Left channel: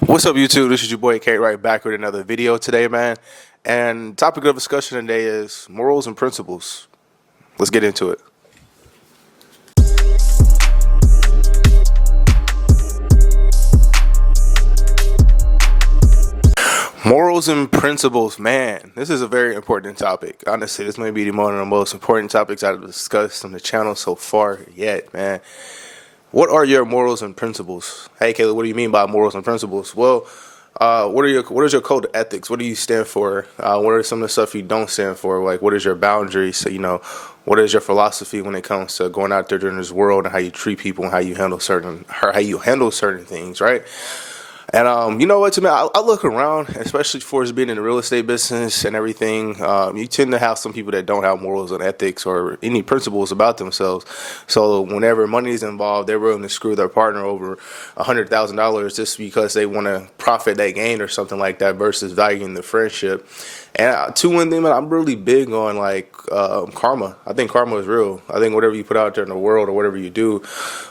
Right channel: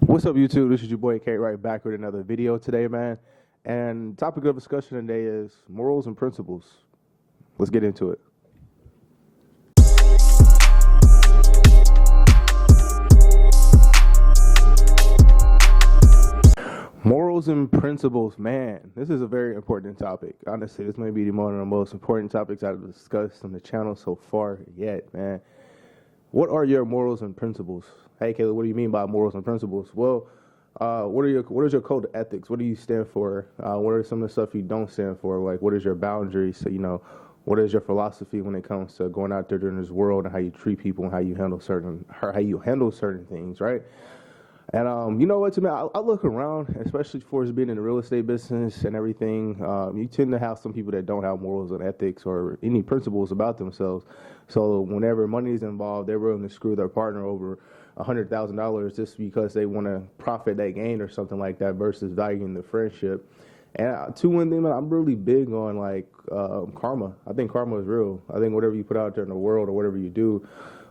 What's up, YouTube? This is your boy Kate right back with another video today, man. And topic of discussion today is morals and principles. Let's get into it. Morals and principles, man. This is a very important topic. Honestly, this may be one of the most important topics I've discussed on the channel so far yet, man. What are your morals and principles? Hey, Caleb, what do you mean by morals and principles? Well, what is your code of ethics? What do you stand for? What are some of the stuff you don't stand for? Like, what is your boundaries? So, what is your philosophy when it comes to going out there in this world and how you treat people and how you handle certain things, right? And you know what, to me, I look around, especially for us being in the real estate business and everything. You tend to have some people that don't have morals and ethics or any principles about themselves. So whenever money is involved, they're willing to screw their partner over $100,000 just because they want to profit that gain or something like that versus valuing the friendship. And one thing, man, I'm really big on like karma. I think karma is real. I think whatever you put out there in the world or whatever you do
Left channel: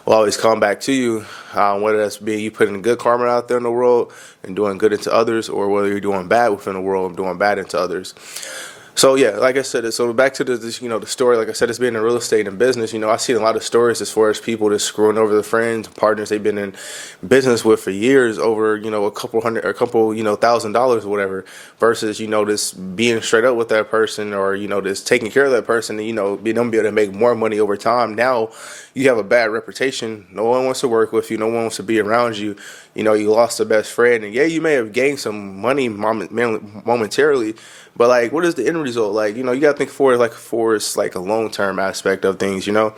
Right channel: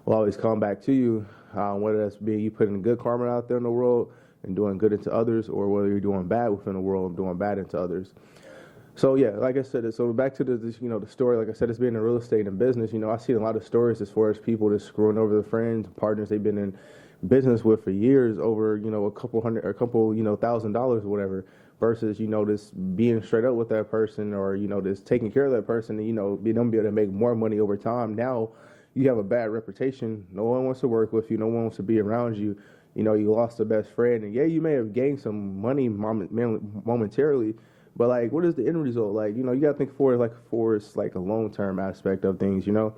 will always come back to you. Whether that's being you putting good karma out there in the world and doing good into others, or whether you're doing bad within the world and doing bad into others. So yeah, like I said, so back to the story. Like I said, it's been in real estate and business. I've seen a lot of stories as far as people just screwing over the friends, partners they've been in business with for years over a couple hundred or a couple $1,000s or whatever, versus just being straight up with that person or just taking care of that person and being able to make more money over time. Now you have a bad reputation. No one wants to work with you. No one wants to be around you. You lost a best friend, and yeah, you may have gained some money momentarily. But like, what is the end result? Like, you got to think for it's like a long-term aspect of things, And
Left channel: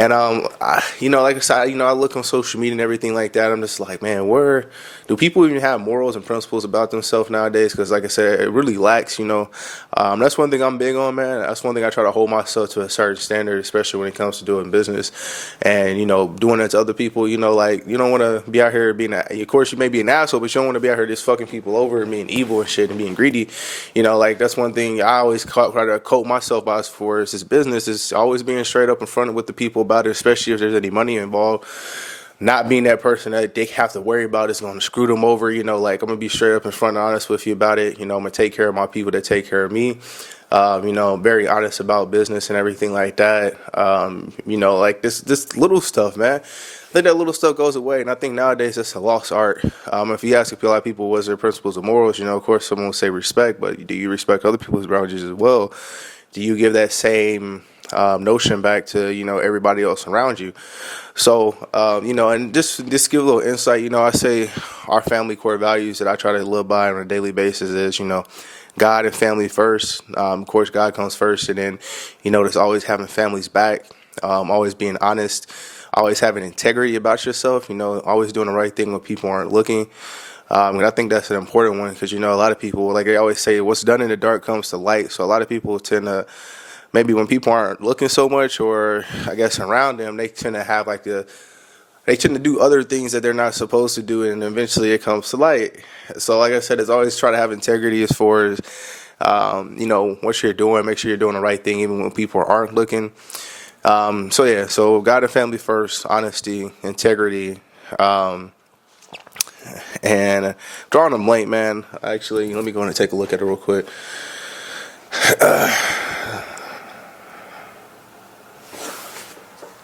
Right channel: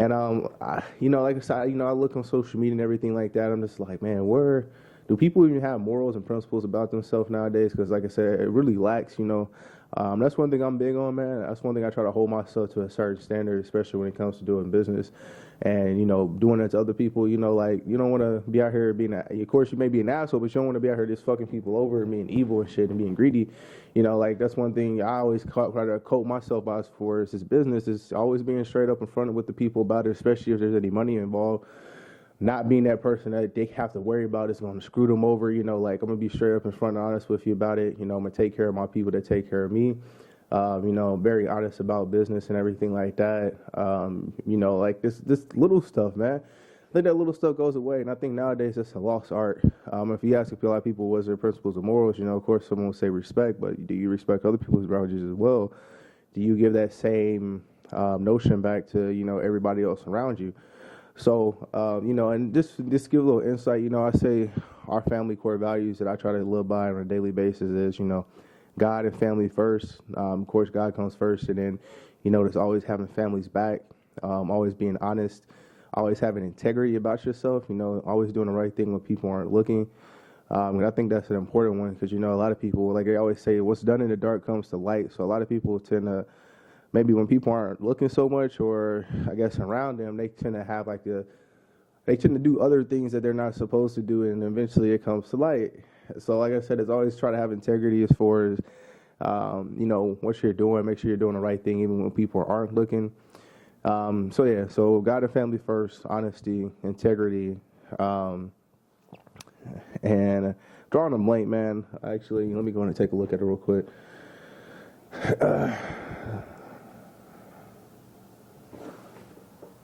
like I said, I look on social media and everything like that. I'm just like, man, where do people even have morals and principles about themselves nowadays? Because like I said, it really lacks. That's one thing I'm big on, man. That's one thing I try to hold myself to a certain standard, especially when it comes to doing business and doing it to other people. Like you don't want to be out here being, of course, you may be an asshole, but you don't want to be out here just fucking people over and being evil and shit and being greedy. Like that's one thing I always try to quote myself as for is this business is always being straight up in front with the people about it, especially if there's any money involved. Not being that person that they have to worry about is going to screw them over. Like I'm going to be straight up in front and honest with you about it. I'm going to take care of my people that take care of me. Very honest about business and everything like that. Like this little stuff, man. I think that little stuff goes away, and I think nowadays it's a lost art. If you ask a lot of people what's their principles and morals, of course someone will say respect, but do you respect other people's boundaries as well? Do you give that same notion back to everybody else around you? So and just give a little insight. I say our family core values that I try to live by on a daily basis is God and family first. Of course, God comes first, and then there's always having families back, always being honest, always having integrity about yourself. Always doing the right thing when people aren't looking. And I think that's an important one because a lot of people, like they always say, what's done in the dark comes to light. So a lot of people tend to, maybe when people aren't looking so much or I guess around them, they tend to have they tend to do other things that they're not supposed to do, and eventually it comes to light. So like I said, it's always try to have integrity as far as, what you're doing, make sure you're doing the right thing even when people aren't looking. So God and family first, honesty, integrity, and drawing a blank, man. Actually, let me go in and take a look at it real quick.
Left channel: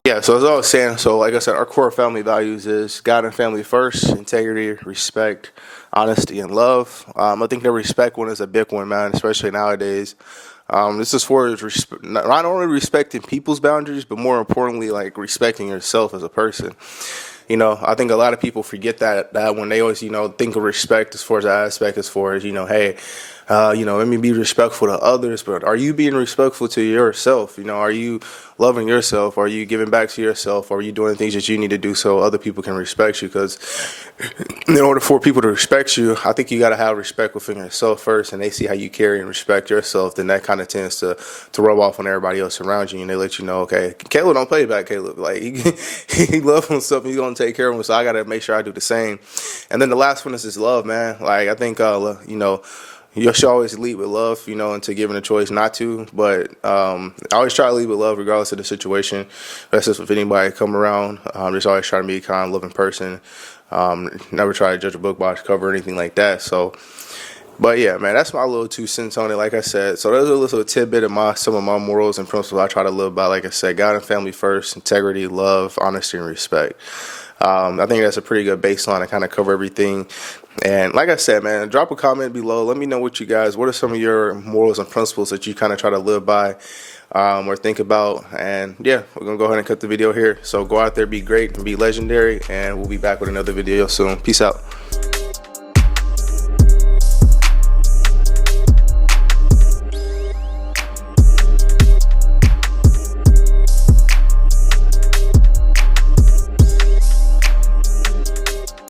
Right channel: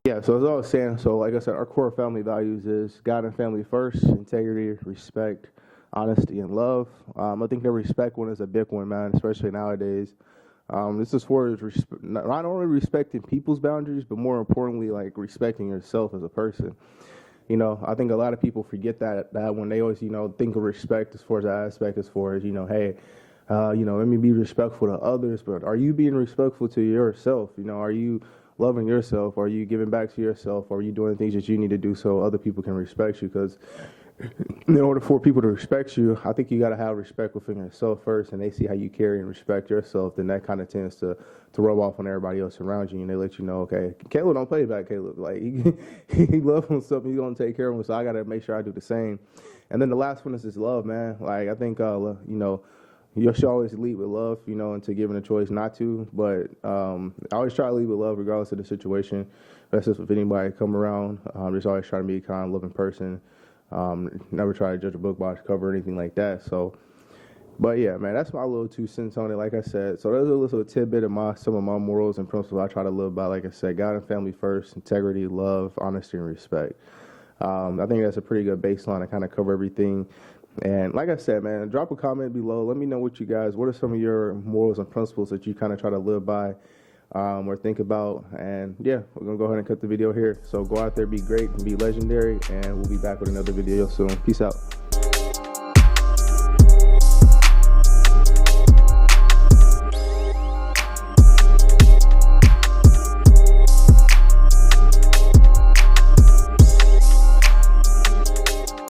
Yeah, so as I was saying, so like I said, our core family values is God and family first, integrity, respect, honesty, and love. I think the respect one is a big one, man, especially nowadays. This is for not only respecting people's boundaries, but more importantly, like respecting yourself as a person. I think a lot of people forget that when they always, think of respect as far as that aspect, as far as, hey, let me be respectful to others, but are you being respectful to yourself? Are you loving yourself? Are you giving back to yourself? Are you doing things that you need to do so other people can respect you? Because in order for people to respect you, I think you got to have respect within yourself first, and they see how you carry and respect yourself. Then that kind of tends to rub off on everybody else around you, and they let you know, okay, Caleb don't play back. Caleb, like he loves himself, and he's gonna take care of him. So I got to make sure I do the same. And then the last one is just love, man. Like I think, you should always lead with love, until given a choice not to. But I always try to lead with love regardless of the situation. That's just with anybody come around. Just always try to be a kind, loving person. Never try to judge a book by its cover or anything like that. So, but yeah, man, that's my little 2 cents on it. Like I said, so there's a little tidbit of some of my morals and principles I try to live by. Like I said, God and family first, integrity, love, honesty, and respect. I think that's a pretty good baseline to kind of cover everything. And like I said, man, drop a comment below. Let me know what are some of your morals and principles that you kind of try to live by or think about. And yeah, we're going to go ahead and cut the video here. So go out there, be great, and be legendary. And we'll be back with another video soon. Peace out.